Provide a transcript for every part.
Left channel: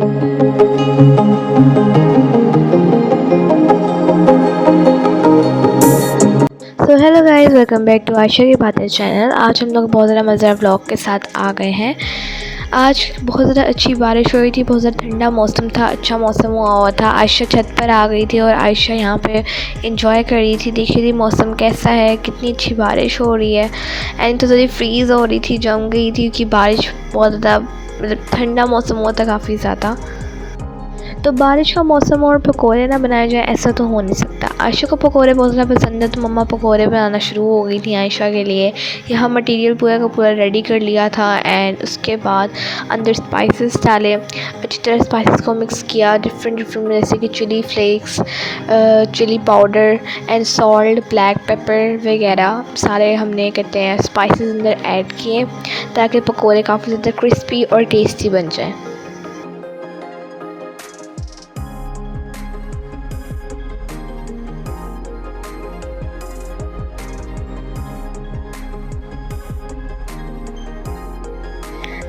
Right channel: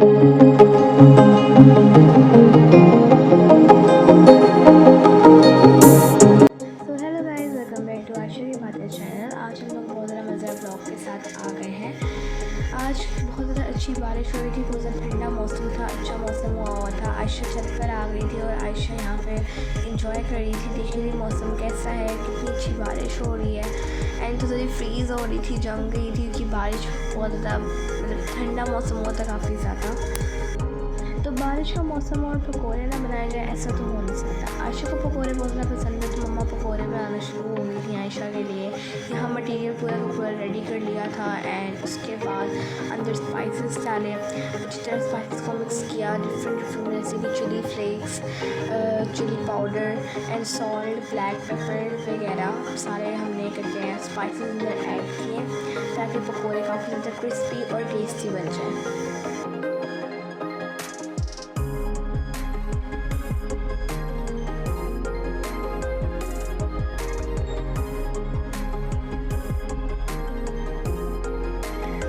So hello guys, welcome back to Ayesha की बातें channel. आज हम लोग बहुत ज़्यादा मज़ेदार व्लॉग के साथ आ गए हैं। आज बहुत ज़्यादा अच्छी बारिश हो रही थी, बहुत ज़्यादा ठंडा मौसम था, अच्छा मौसम हुआ था। आयशा छत पर आ गई थी और आयशा यहाँ पे इंजॉय कर रही थी, देख रही थी मौसम कैसा है, कितनी अच्छी बारिश हो रही है। एंड तो थोड़ी फ्रीज़ हो रही थी, जम गई थी क्योंकि बारिश बहुत ज़्यादा मतलब ठंडा मौसम हुआ था काफ़ी ज़्यादा। तो बारिश का मौसम और पकोड़े ना बनाए जाए ऐसा तो हो नहीं सकता। आयशा को पकोड़े बहुत ज़्यादा पसंद है, तो मम्मा पकोड़े बनाना शुरू हो गई थी आयशा के लिए। यहाँ मटेरियल पूरा का पूरा रेडी कर लिया था एंड उसके बाद अंदर स्पाइसेस डाले, अच्छी तरह स्पाइसेस को मिक्स किया, डिफरेंट जैसे कि chilli flakes, chilli powder and salt, black pepper वगैरह सारे हमने कहते हैं स्पाइसेस अंदर ऐड किए ताकि पकोड़े काफ़ी ज़्यादा क्रिस्पी और टेस्टी बन जाए।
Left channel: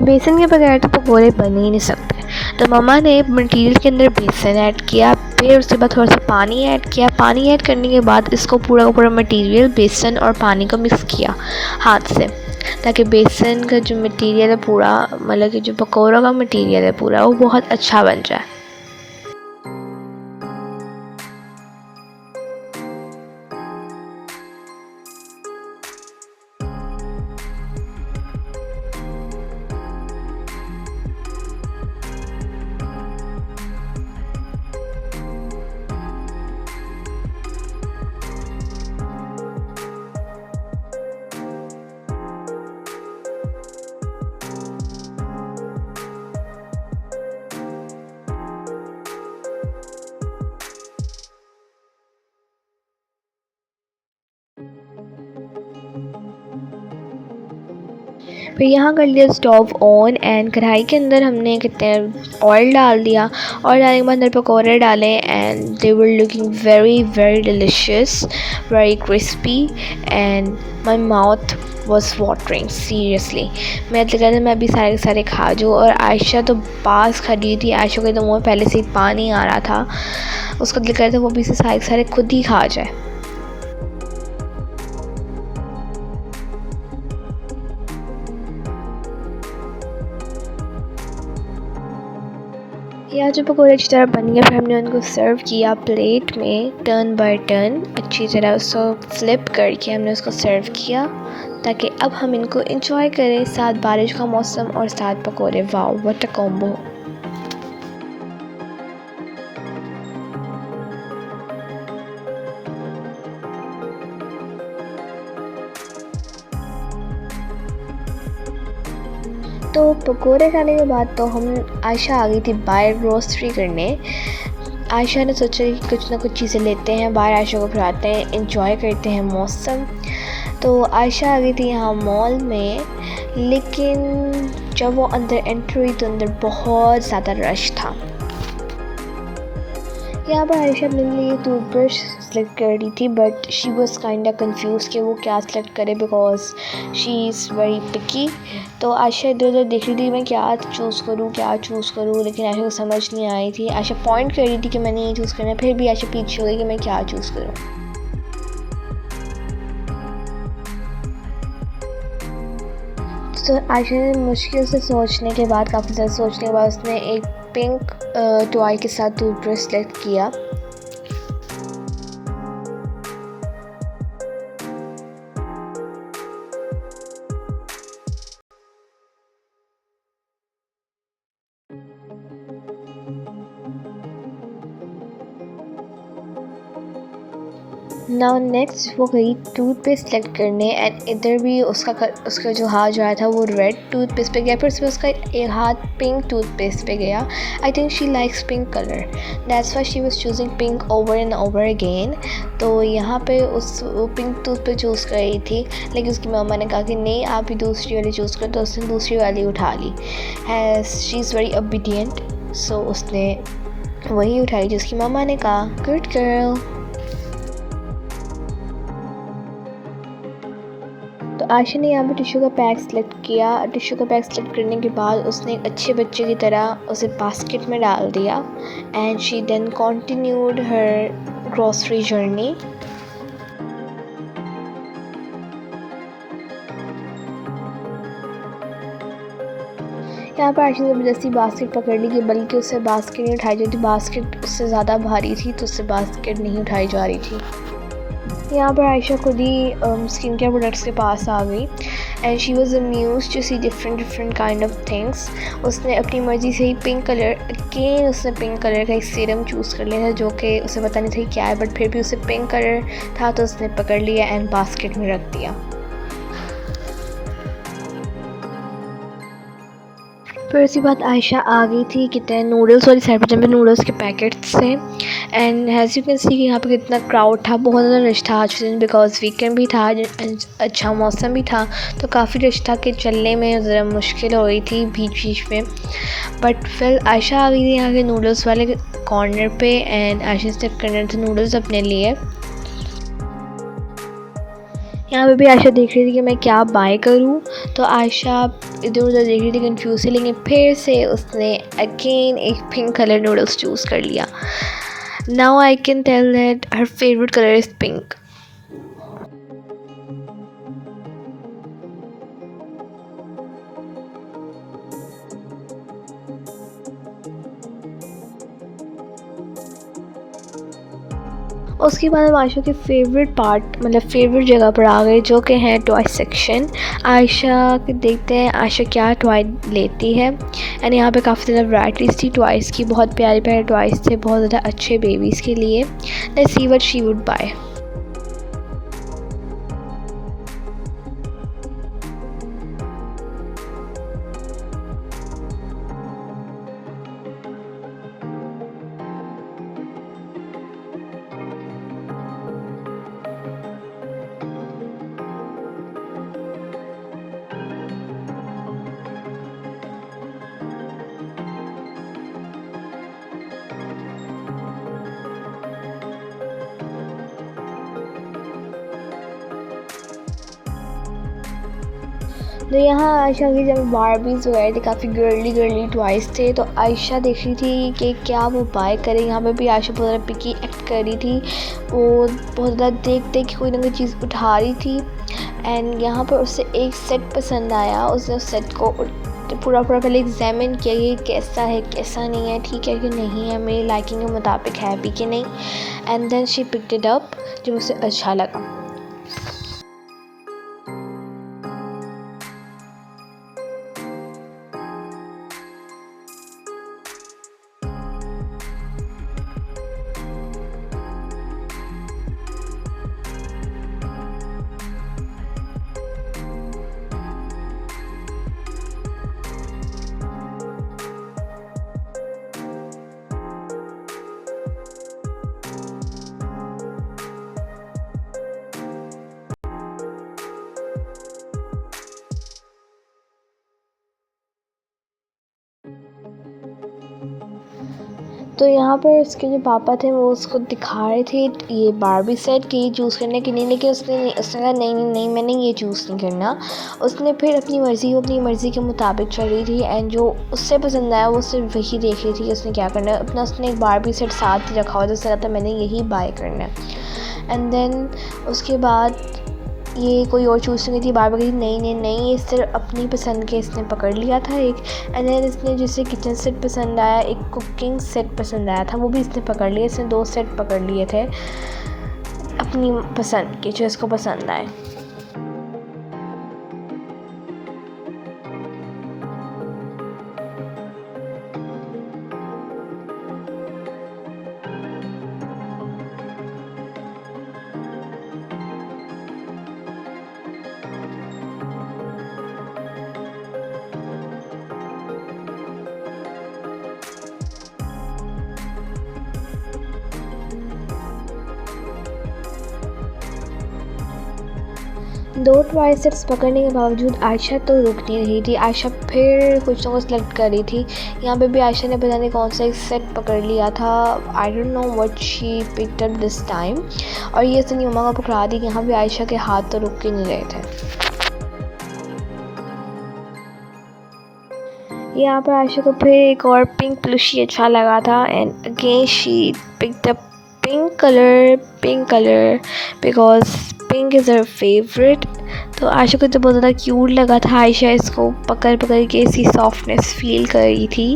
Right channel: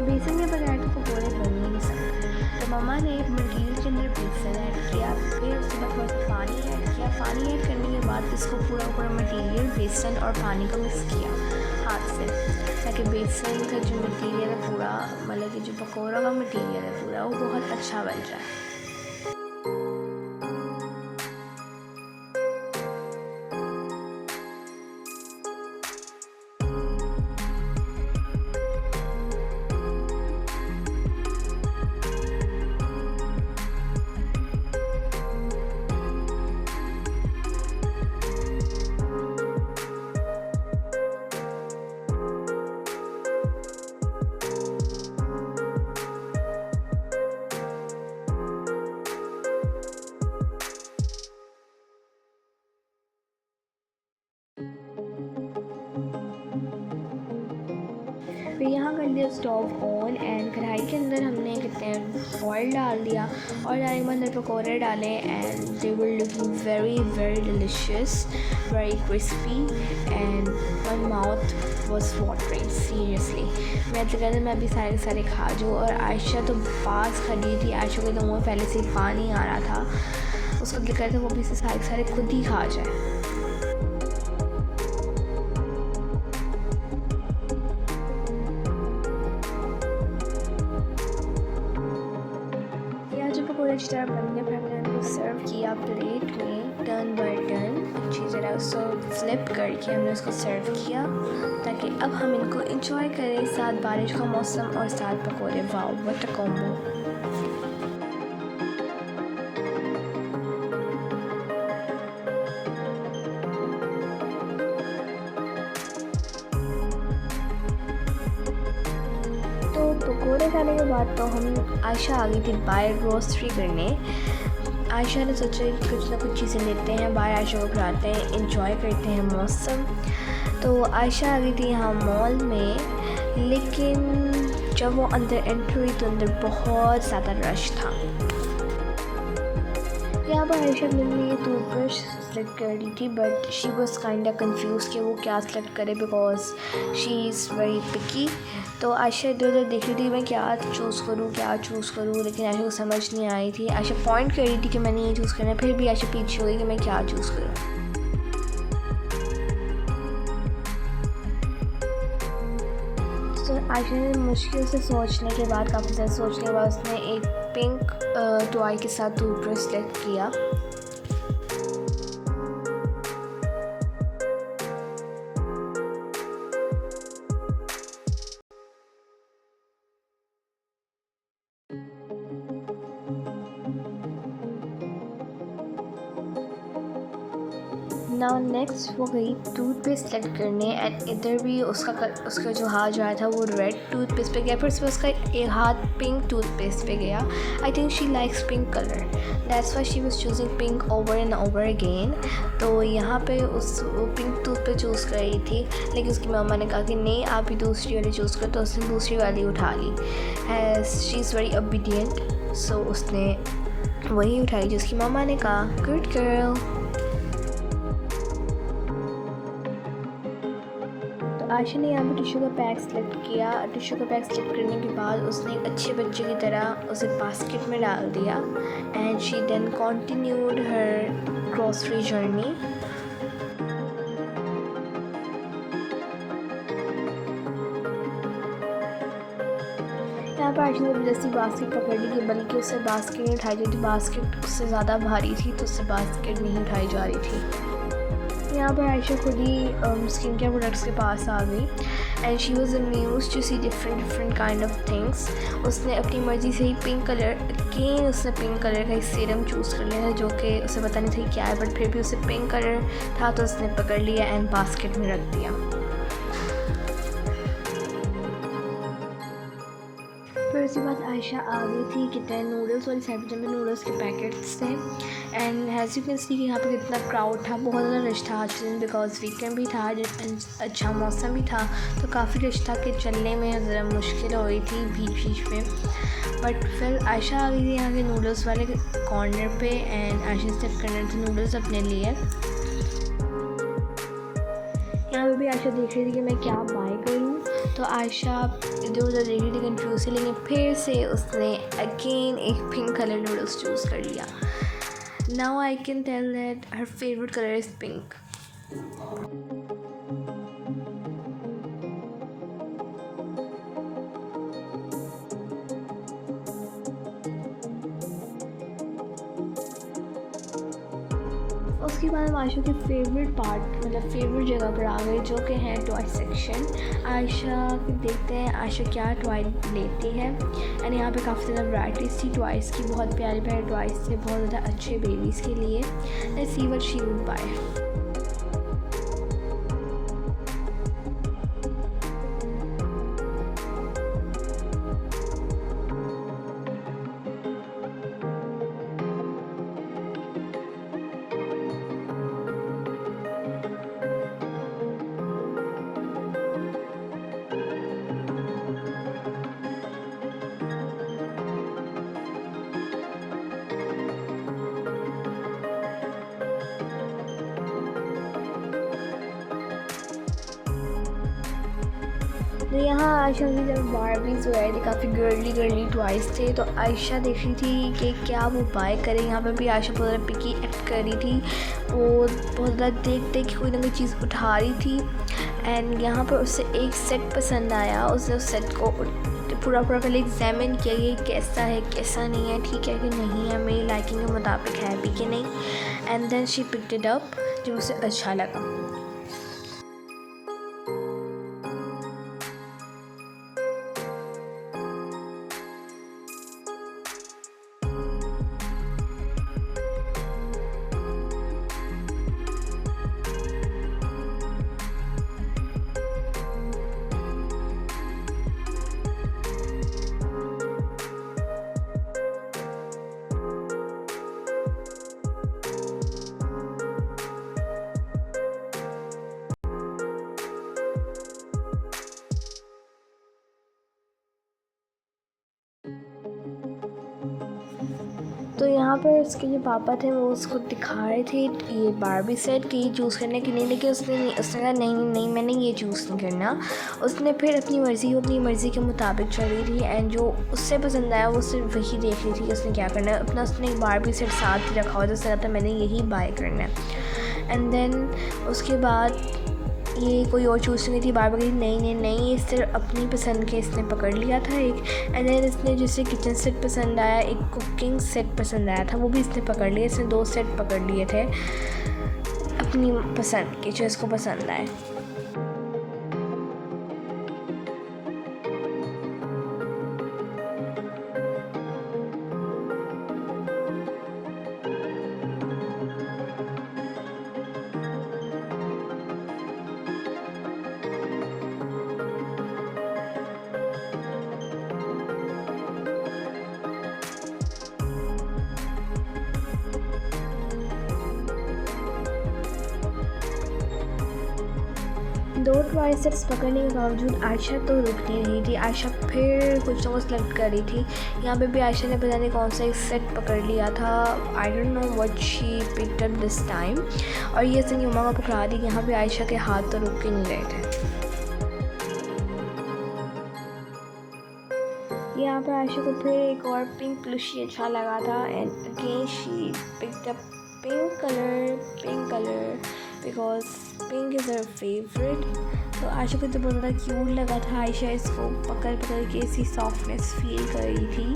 बेसन के बगैर तो पकोड़े बन ही नहीं सकते। तो मम्मा ने मटेरियल के अंदर बेसन ऐड किया, फिर उसके बाद थोड़ा सा पानी ऐड किया। पानी ऐड करने के बाद इसको पूरा का पूरा मटेरियल बेसन और पानी को मिक्स किया हाथ से, ताकि बेसन का जो मटेरियल है पूरा, मतलब कि जो पकौड़ों का मटेरियल है पूरा, वो बहुत अच्छा बन जाए। फिर यहाँ कर लिया स्टोव ऑन एंड कढ़ाई के अंदर हमने कहते हैं ऑयल डाल दिया। ऑयल डालने के बाद अंदर पकौड़े डाले and they were looking very very delicious, very crispy and my mouth was watering seriously. मैं तो कहते मैं अभी सारे के सारे खा जाऊँ। और आयशा तो पास खड़ी थी, आयशा के तो मुँह में पहले से ही पानी आ रहा था, उसका दिल कर था वो अभी से सारे के सारे खुद ही खा जाए। यहाँ जो पकौड़े अच्छी तरह बन गए, फिर हमने उनको सर्व किया प्लेट में, टर्न बाय टर्न अच्छी तरह उसको फ्लिप करके हमने उसको सर्व किया, ताकि अब हम इनको एंजॉय करें साथ बारिश का मौसम और साथ पकौड़े। Wow what a combo. तो पकोड़े खाने के बाद तो हम आयशा आ गई थी बाहर ग्रोसरी करने। आयशा ने सोचा कि कुछ ना कुछ चीज़ें लेते हैं बाहर, आयशा को खिलाते हैं, इंजॉय करते हैं मौसम। तो आयशा आ गई थी यहाँ मॉल में, लेकिन जब वो अंदर एंटर हुई तो अंदर बहुत ज़्यादा रश था। यहाँ पर आयशा अपने लिए टूथब्रश सेलेक्ट कर रही थी, but she was kind confuse कि वो क्या सेलेक्ट करे because she is very picky. तो आयशा इधर उधर देख रही थी मैं क्या चूज़ करूँ, लेकिन आयशा को समझ नहीं आई थी। आयशा पॉइंट कर रही थी कि मैंने ये चूज़ करना है, फिर भी आयशा पीछे हो गई कि मैं क्या चूज़ करूँ। तो आयशा ने मुश्किल से सोचने के बाद, काफ़ी ज़्यादा सोचने के बाद, उसने एक पिंक टॉय के साथ टूथब्रश सेलेक्ट किया। नाउ नेक्स्ट वो गई टूथपेस्ट सेलेक्ट करने एंड इधर भी उसका जो हाथ जो आया था वो रेड टूथपेस्ट पे गया, फिर उसमें उसका एक हाथ पिंक टूथपेस्ट पे गया। I think she likes pink colour, that's why she was choosing pink over and over again. तो यहाँ पे वो पिंक टूथपेस्ट चूज़ कर रही थी, लेकिन उसकी मम्मा ने कहा कि नहीं आप भी दूसरी वाली चूज़ करो, तो उसने दूसरी वाली उठा ली। शी इज़ वेरी ओबीडियंट, सो उसने वही उठाई जो उसकी मम्मा ने कहा। Good girl. तो आयशा ने यहाँ पे टिश्यू का पैक सेलेक्ट किया। टिश्यू का पैक सेलेक्ट करने के बाद उसने एक अच्छे बच्चे की तरह उसे बास्केट में डाल दिया and she then continued her grocery journey. यहाँ पर आयशा ने ज़बरदस्ती बास्केट पकड़ ली कि बल्कि उससे बास्केट नहीं उठाई जाती, बास्केट उससे ज़्यादा भारी थी तो उससे बास्केट नहीं उठाई जा रही थी। यहाँ पर आयशा खुद ही स्किन केयर प्रोडक्ट्स के पास आ गई and she was amused to see different kind of things. उसने अपनी मर्ज़ी से ही पिंक कलर उसने पिंक कलर का एक सीरम चूज़ कर लिया था जो कि उसे पता नहीं था क्या है, बट फिर भी उसे पिंक कलर था तो उसने पकड़ लिया एंड बास्केट में रख दिया। फिर उसी बात आयशा आ गई थी कितने नूडल्स वाली साइड पर जहाँ पे नूडल्स के पैकेट्स थे and has you can see कि यहाँ पे कितना क्राउड था, बहुत ज़्यादा रश था आज दिन बिकॉज वीकेंड भी था, अच्छा मौसम भी था तो काफ़ी रश था कि चलने में ज़रा मुश्किल हो रही थी बीच में। बट फिर आयशा आ गई थी यहाँ के नूडल्स वाले कॉर्नर पे एंड आयशा स्टेप करने थे नूडल्स अपने लिए। यहाँ पे भी आयशा देख रही थी कि मैं क्या बाय करूँ, तो आयशा इधर उधर देख रही थी कंफ्यूज से, लेकिन फिर से उसने अगेन एक पिंक कलर नूडल्स चूज़ कर लिया। Now I can tell that her favourite colour is pink. उसके बाद हम आयशा के फेवरेट पार्ट मतलब फेवरेट जगह पर आ गए जो कि है टॉय सेक्शन। आयशा के देखते हैं आयशा क्या टॉय लेती है एंड यहाँ पे काफ़ी ज़्यादा वैराइटीज़ थी टॉयज़ की, बहुत प्यारे प्यारे टॉयज़ थे बहुत ज़्यादा अच्छे बेबीज़ के लिए। Let's see what she would buy. तो यहाँ आयशा की जब बारबीज़ वगैरह थे काफ़ी गर्ली टॉयज़ थे तो आयशा देख रही थी कि क्या वो बाय करे। यहाँ पे भी आयशा बहुत ज़्यादा पिकी एक्ट कर रही थी, वो बहुत ज़्यादा देख कोई ना कोई चीज़ उठा रही थी एंड यहाँ पर उससे एक सेट पसंद आया। उसने उस सेट को पूरा पहले एग्जामिन किया ये कैसा है कैसा नहीं है, ठीक है कि नहीं है, मेरी लाइकिंग के मुताबिक है भी कि नहीं, and then she picked it up जो उसे अच्छा लगा। तो यहाँ पर उसके जो पापा थे वो उसको दिखा रहे थे ये बारबी सेट कि ये चूज़ करने की नहीं, लेकिन उसने कहा नहीं मैंने ये चूज़ नहीं करना। उसने फिर अपनी मर्ज़ी के मुताबिक चल रही थी एंड जो उससे पसंद आया वो सिर्फ वही देख रही थी कि उसने क्या करना है। अपना उसने एक बारबी सेट साथ ही रखा हुआ था, उसने कहा था मैंने यही बाय करना है। एंड देन उसके बाद ये कोई और चूज़ नहीं थी, बार बार नहीं इस तरह अपनी पसंद के इसने पकड़ लिया था एक। एंड देन इसने जिसे किचन सेट पसंद आया, एक कुकिंग सेट पसंद आया था, वो भी इसने पकड़ लिया। इसने 2 सेट पकड़ लिए थे अपनी पसंद के जो इसको पसंद आए। दो टॉय सेट्स पकड़ने के बावजूद आयशा तो रुक नहीं रही थी। आयशा फिर कुछ ना कुछ सेलेक्ट कर रही थी। यहाँ पे भी आयशा ने पता नहीं कौन सा एक सेट पकड़ लिया था, I don't know what she picked up this time. और ये सनी मम्मा को पकड़ा दी कि यहाँ भी आयशा के हाथ तो रुक के नहीं रहे थे। यहाँ पर आयशा को फिर एक और पिंक प्लूशी अच्छा लगा था and again she picked up pink colour because pink is her favourite. तो आयशा को तो बहुत ज़्यादा क्यूट लगा था। आयशा इसको पकड़ पकड़ के इसकी सॉफ्टनेस फील कर रही थी।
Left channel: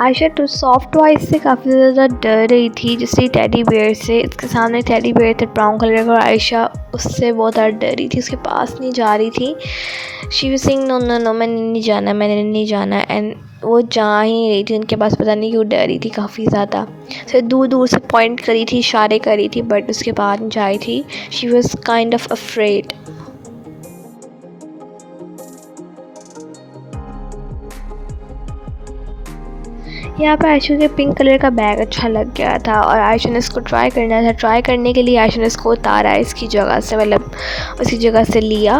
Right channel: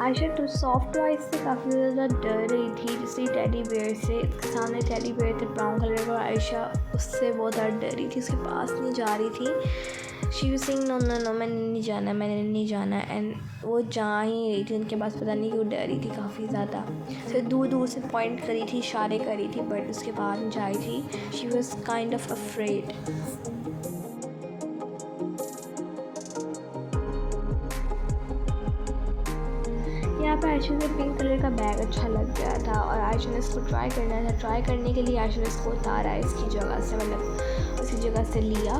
आयशा तो सॉफ्ट टॉयज से काफ़ी ज़्यादा डर रही थी, जैसे टेडी बेयर से। इसके सामने टेडी बेयर थे ब्राउन कलर का और आयशा उससे बहुत ज़्यादा डर रही थी, उसके पास नहीं जा रही थी। She was saying no no no, मैंने नहीं जाना एंड वो जा ही नहीं रही थी उनके पास। पता नहीं क्यों डर रही थी काफ़ी ज़्यादा। फिर दूर दूर से पॉइंट करी थी, इशारे करी थी, बट उसके बाद नहीं जा रही थी। She was kind of afraid. यहाँ पर आयशा के पिंक कलर का बैग अच्छा लग गया था और आयशा ने इसको ट्राई करना था। ट्राई करने के लिए आयशा ने इसको उतारा इसकी जगह से, मतलब उसी जगह से लिया।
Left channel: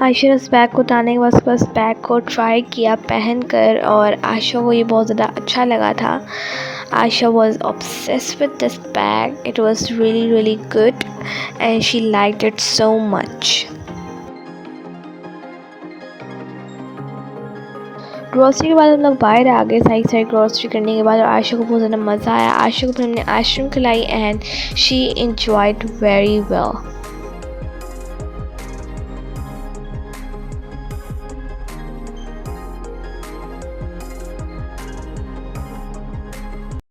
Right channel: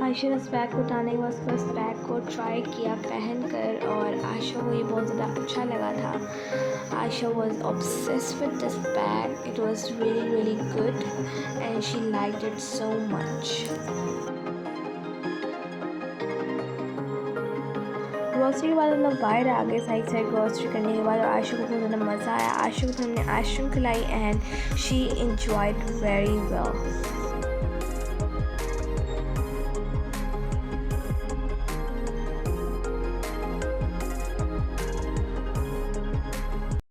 आयशा ने उस बैग को उतारने के बाद बस बैग को ट्राई किया पहन कर और आयशा को ये बहुत ज़्यादा अच्छा लगा था। Aisha was obsessed with this bag. It was really good and she liked it so much. Grocery के बाद हम लोग बाहर आ गए साइड ग्रॉसरी करने के बाद और आयशा को बहुत ज़्यादा मज़ा आया। आयशा को हमने आइसक्रीम खिलाई and she enjoyed very well.